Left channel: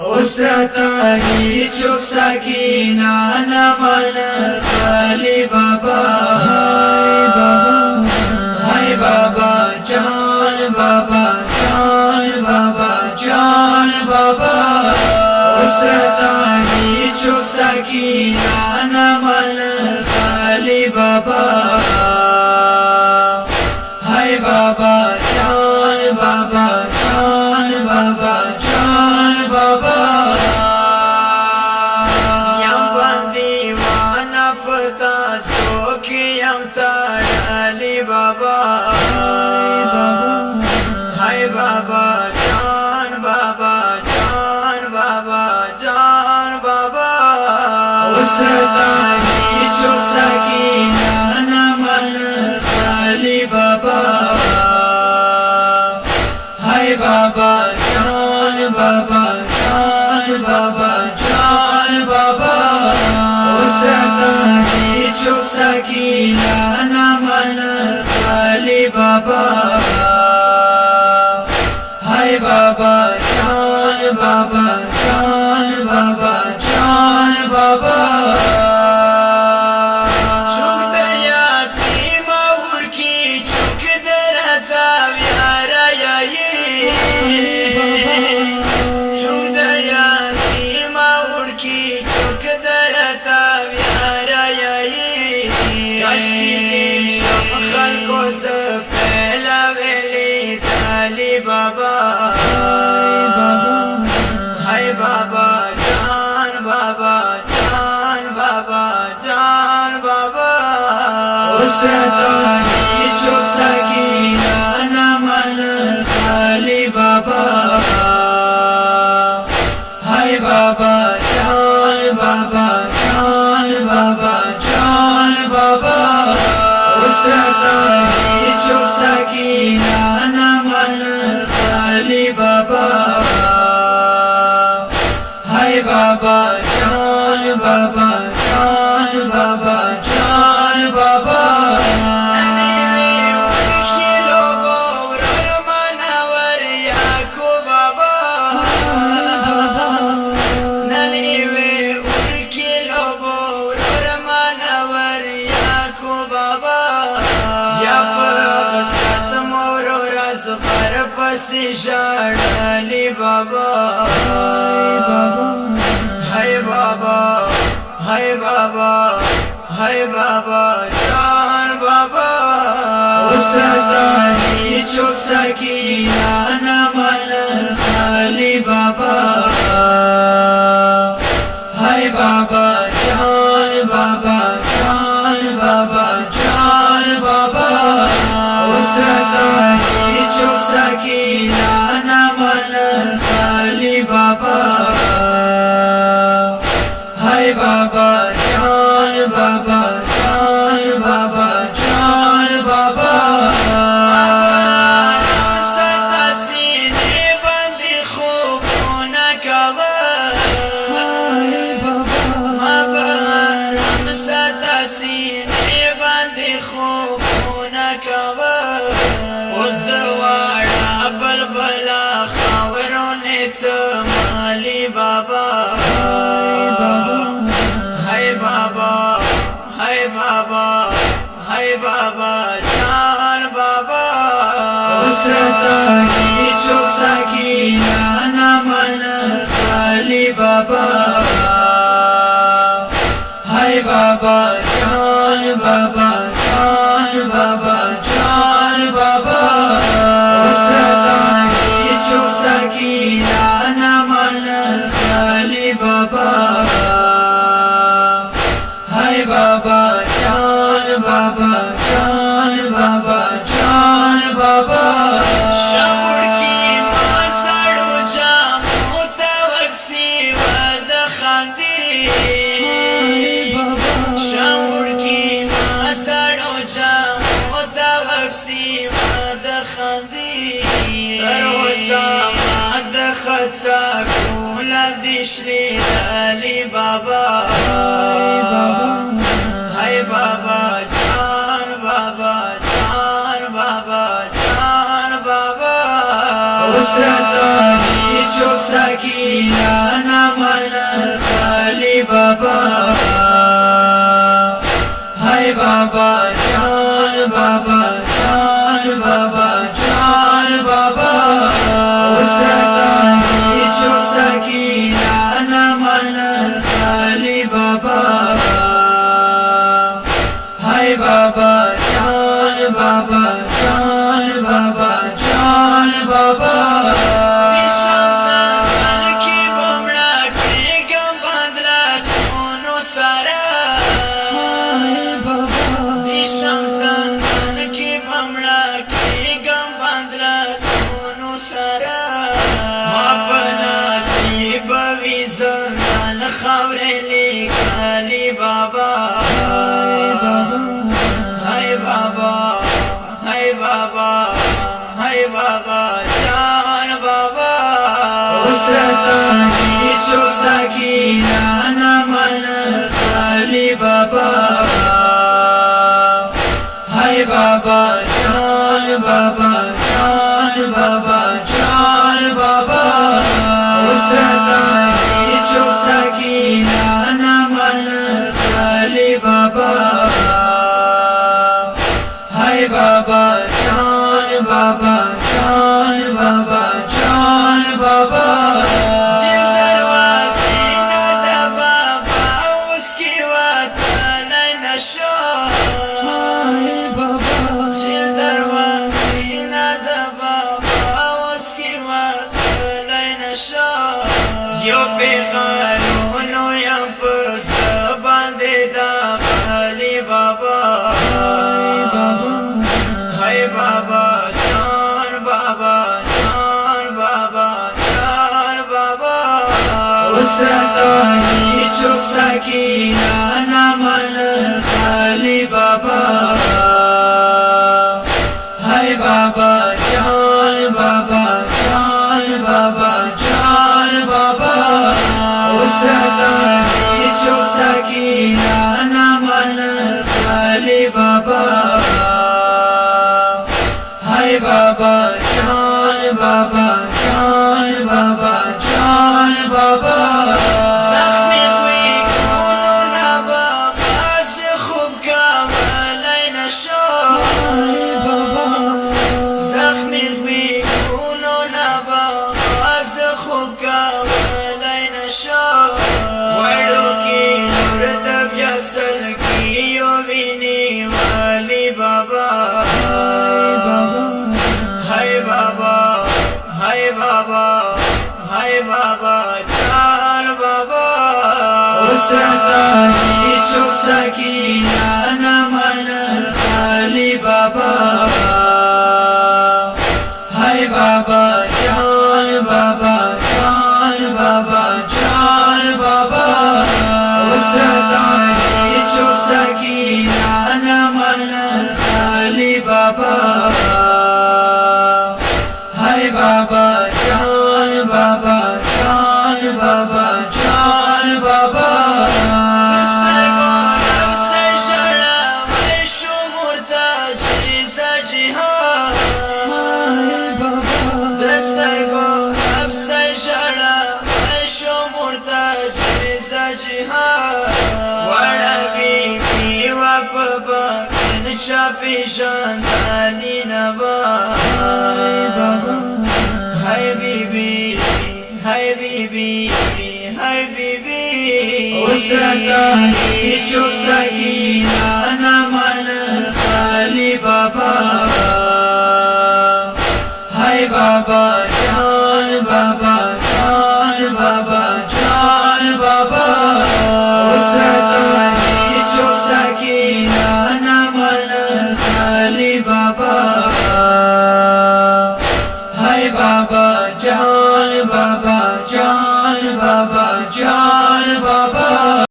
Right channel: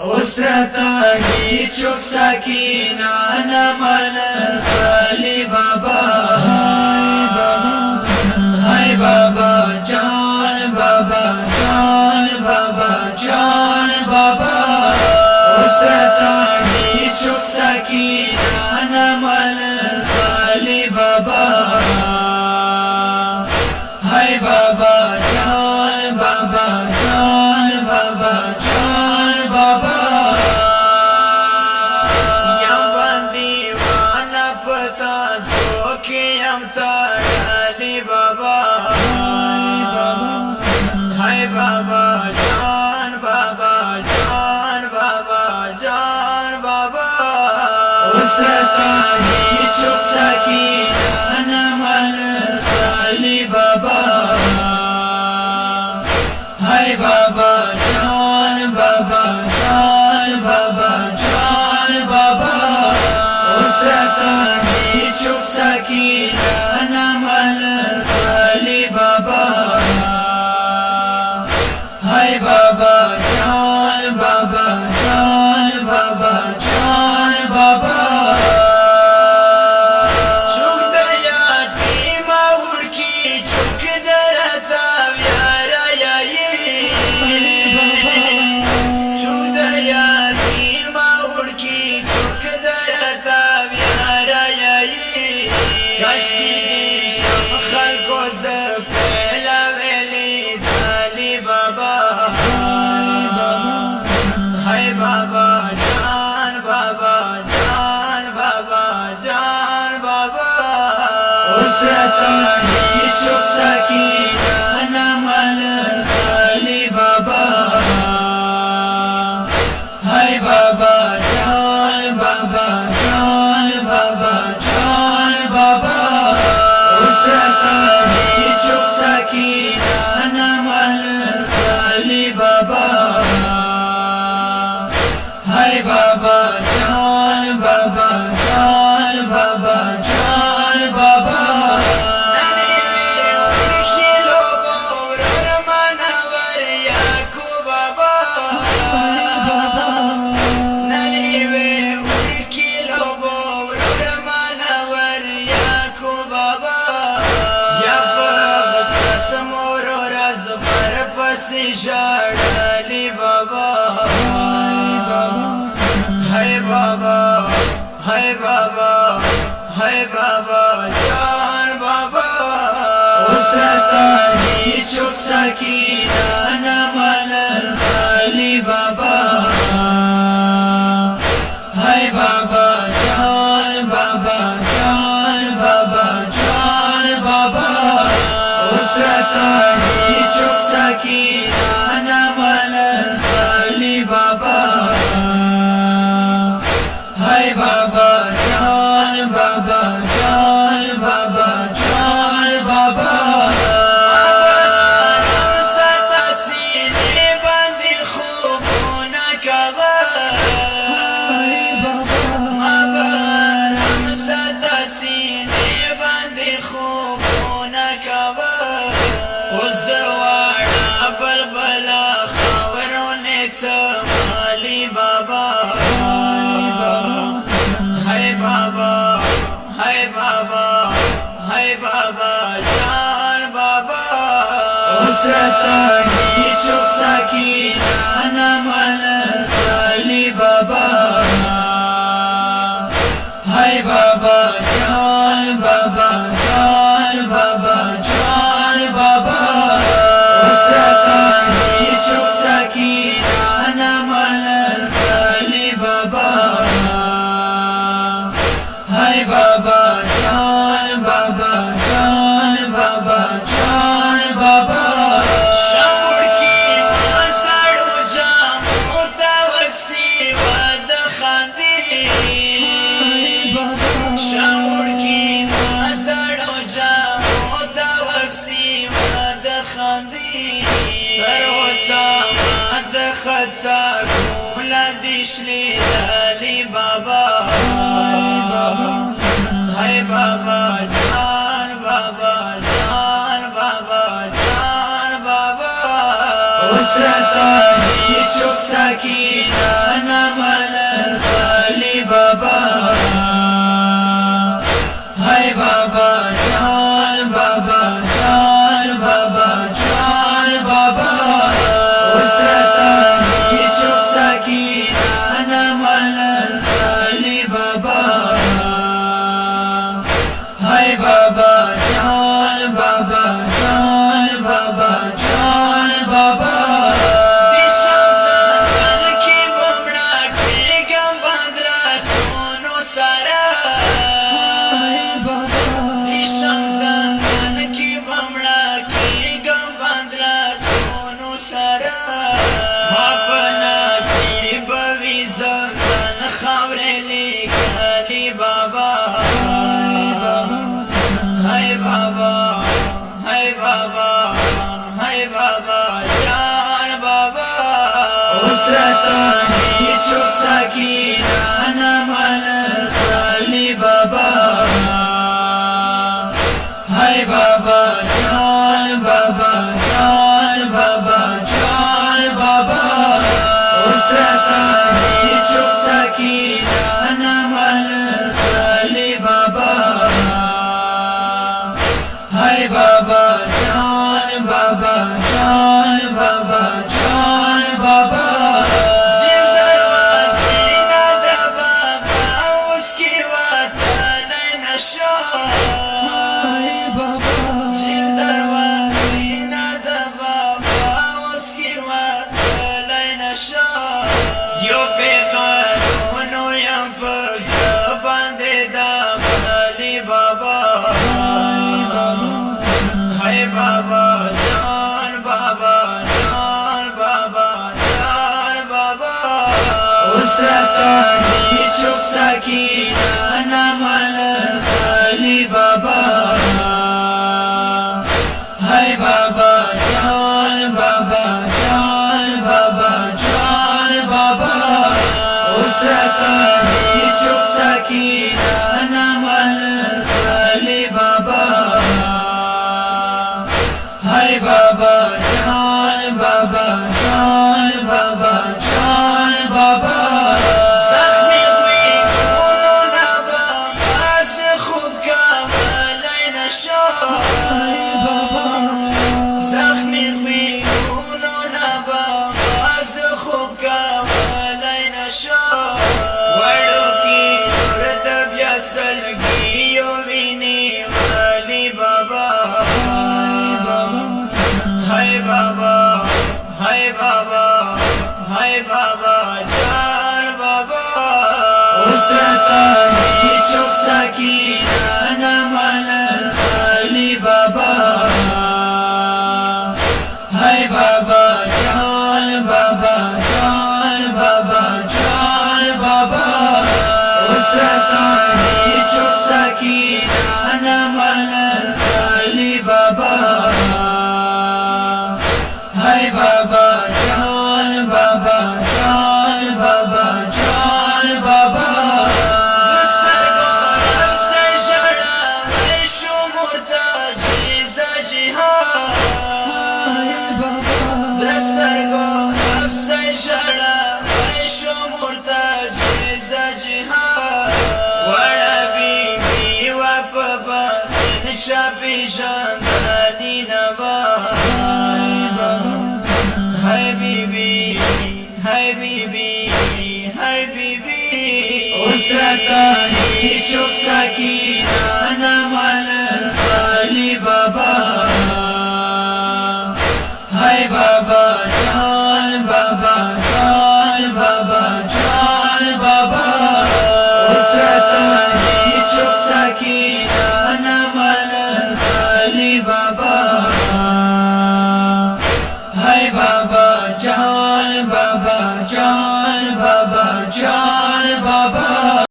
उसरतानी चुप सकीना न मन खाली बाबा हाय बाबा जान बाबा जान बाबा जान बाबा उसरतानी चुप सकीना न मन खाली बाबा हाय बाबा जान बाबा जान बाबा जान बाबा यम बंदीवाना पता सोखी यम ताड़ाली बाबा हाय बाबा जान बाबा जान बाबा जान बाबा उसरतानी चुप सकीना न मन खाली बाबा हाय बाबा जान बाबा जान बाबा जान बाबा उसरतानी चुप सकीना न मन खाली बाबा हाय बाबा जान बाबा जान बाबा जान बाबा चुक दया की माउड़ की चुक दरता व्यारा चुक दया की माउड़ की चुक दरता व्यारा खल को से पहला वेली दाली बाबा हाय बाबा जान बाबा जान बाबा जान बाबा उसरतानी चुप सकीना न मन खाली बाबा हाय बाबा जान बाबा जान बाबा जान बाबा उसरतानी चुप सकीना न मन खाली बाबा हाय बाबा जान बाबा जान बाबा जान बाबा शाली बाबा हाय बाबा हाय बाबा हाय बाबा जान बाबा उसरतानी चुप सकीना न मन खाली बाबा हाय बाबा जान बाबा जान बाबा जान बाबा उसरतानी चुप सकीना न मन खाली बाबा हाय बाबा जान बाबा जान बाबा जान बाबा सता सीने बंदी खूब न कवर हम सता सीने बंदी खूब न कवर उस दवाड़ा बलबला खावरों ने चमाली बाबा हाय बाबा हाय बाबा हाय बाबा जान बाबा उसरतानी चुप सकीना न मन खाली बाबा हाय बाबा जान बाबा जान बाबा जान बाबा उसरतानी चुप सकीना न मन खाली बाबा हाय बाबा जान बाबा जान बाबा जान बाबा शमुड़ की मसड़ू जामू तवक्सी वद खांदी शमुड़ की मसड़ू जामू तवक्सी वद खांदी दरोसा मद खचा कोला दिशली दाली बाबा हाय बाबा जान बाबा जान बाबा जान बाबा उसरतानी چوک سکینه نمن خالی بابا های بابا جان بابا جان بابا جان بابا وسرتانی چوک سکینه نمن خالی بابا های بابا جان بابا جان بابا جان بابا بابا جان بابا وسرتانی چوک سکینه نمن خالی بابا های بابا جان بابا جان بابا جان بابا وسرتانی چوک سکینه نمن خالی بابا های بابا بابا جان بابا جان بابا زیر دروازی ندفا باوس کی وطن نشو زیر دروازی ندفا باوس کی وطن نشو یو پیغانونو یم پس باندې دا خالی بابا های بابا جان بابا جان بابا جان بابا وسرتانی چوک سکینه نمن خالی بابا های بابا جان بابا جان بابا جان بابا وسرتانی چوک سکینه نمن خالی بابا های بابا جان بابا جان بابا جان بابا زخمی خوی کنو نبا باز خوب کاملی نشو زخمی خوی کنو نبا باز خوب کاملی نشو وڑو کی نور تبیا سلگیو وینی والی بابا های بابا های بابا های بابا جان بابا وسرتانی چوک سکینه نمن خالی بابا های بابا جان بابا جان بابا جان بابا وسرتانی چوک سکینه نمن خالی بابا های بابا جان بابا جان بابا جان بابا دستر گورم سے جڑا میں شمور تاجیز جہان دستر گورم سے جڑا میں شمور تاجیز جہان وڑا بی بی وپ بین چاپی شاندانی نوا های بیبی های بیبی های بیبی وسرتانی چوک سکینه نمن خالی بابا های بابا جان بابا جان بابا جان بابا وسرتانی چوک سکینه نمن خالی بابا های بابا